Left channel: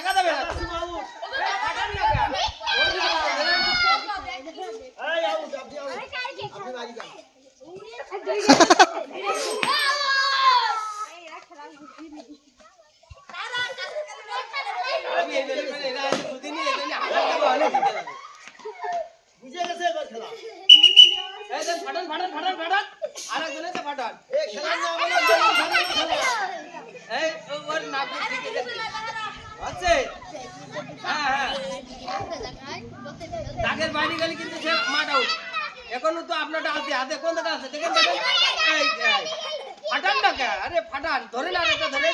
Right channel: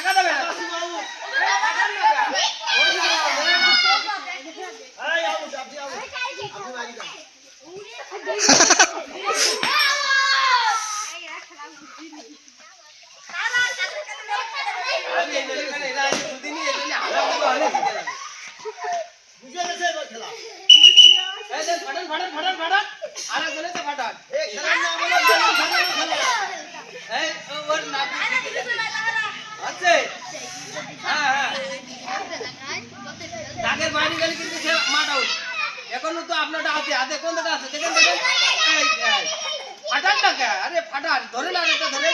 টাকা দেবে বুঝে গেছে এবার খেলা এই দেন ফাটান ফাটান ফাটান ফাটান আরে বলে তো ফাটান এই খেলার নাম হলো বেলুন ফাটানো খেলা এই ওর নাম আছে হ্যাঁ হ্যাঁ দাগের বাইরে গেলে কিন্তু সে মাঠ আউট এখনো তো আপনারটা আছে হাতে কোন জায়গা আছে দেখেন দেখেন এই ফাটান না কে আরে ফাটান ধরে না এটা ধরে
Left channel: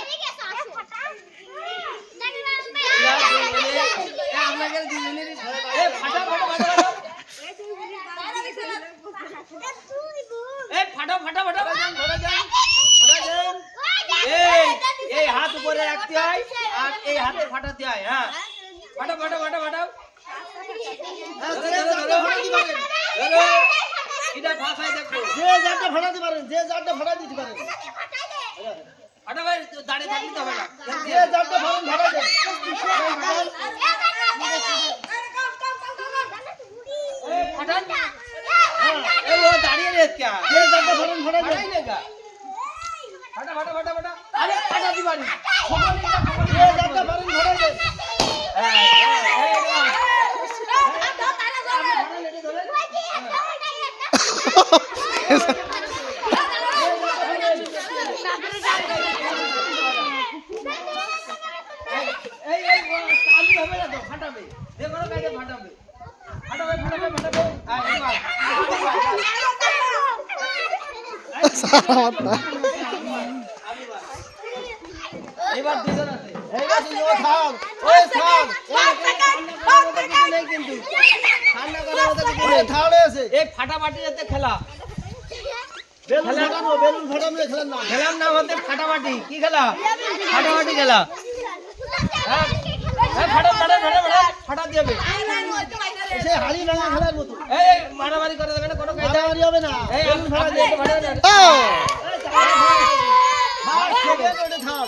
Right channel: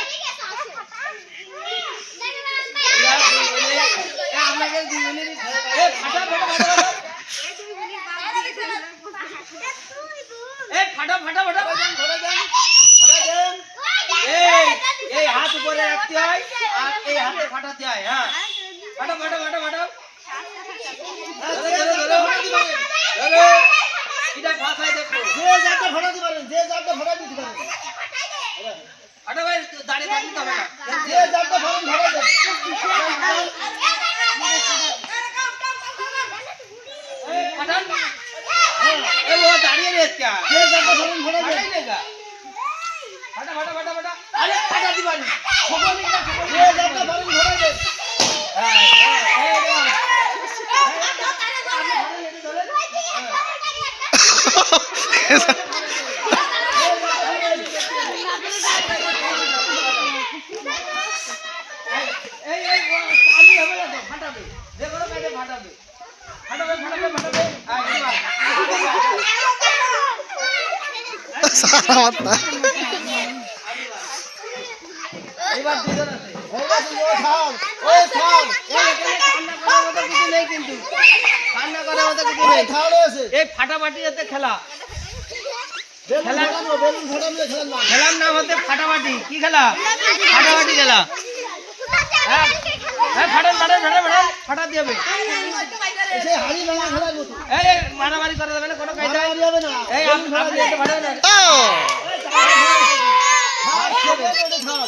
আপনাকে দুজনেরই এই ফাটা ফাটা ফাটা এই ফাটা ফাটা ফাটা ধরে দেন ধরে দেন এই এই হাত উপরে রাখতে হয় আর এই হাতে ফাটাতে হয় হ্যাঁ ফাটা ফাটা ফাটা ফাটা যে যারটা ফাটাতে পারেন ধরো এটা ফাটাই দেখো যে যারটা ফাটাতে পারেন যে যারটা ফাটাতে দিতে পারেন ফাটা ভাই দাঁড়িয়ে থাকতে হবে না যে যারটা ফাটান ধরে দেন এই ফাটান এই ও দাঁড়িয়ে রে क्या যে যারটা ফাটান ধরে দেন ফাটাই লেগা ফাটা ফাটা ফাটা ফাটা আরে ফাটা দিবানি যে যারটা ফাটান ধরে দেন এই এই চালু হবে না তো ফাটাবে যে কোনো কাজে ফাটাবে ফাটাবে ফাটাবে ফাটাবে এবার দুজন আছে এইবার তুই ও থাম ওই থাম কিছু নেই কিন্তু ঠান্ডা করার মতো কিছু ওই নেই থামে আছে এই ফাটাফাটি যাতে খেলা বেলুন ফাটানো খেলার নাম খেলার নাম হতে ফাটাফাটি কি খেলা ফাটাফাটি খেলা হ্যাঁ হ্যাঁ ফাটা ফাটা ফাটা ফাটা ফাটা দিয়ে হবে সে হাড়ি ভাঙা খেলার মতো এই মারামারি করা যাবে না কোনো কায়দা মারামারি হবে না এই বেলুন ফাটা দিয়ে ফাটা দিয়ে থাম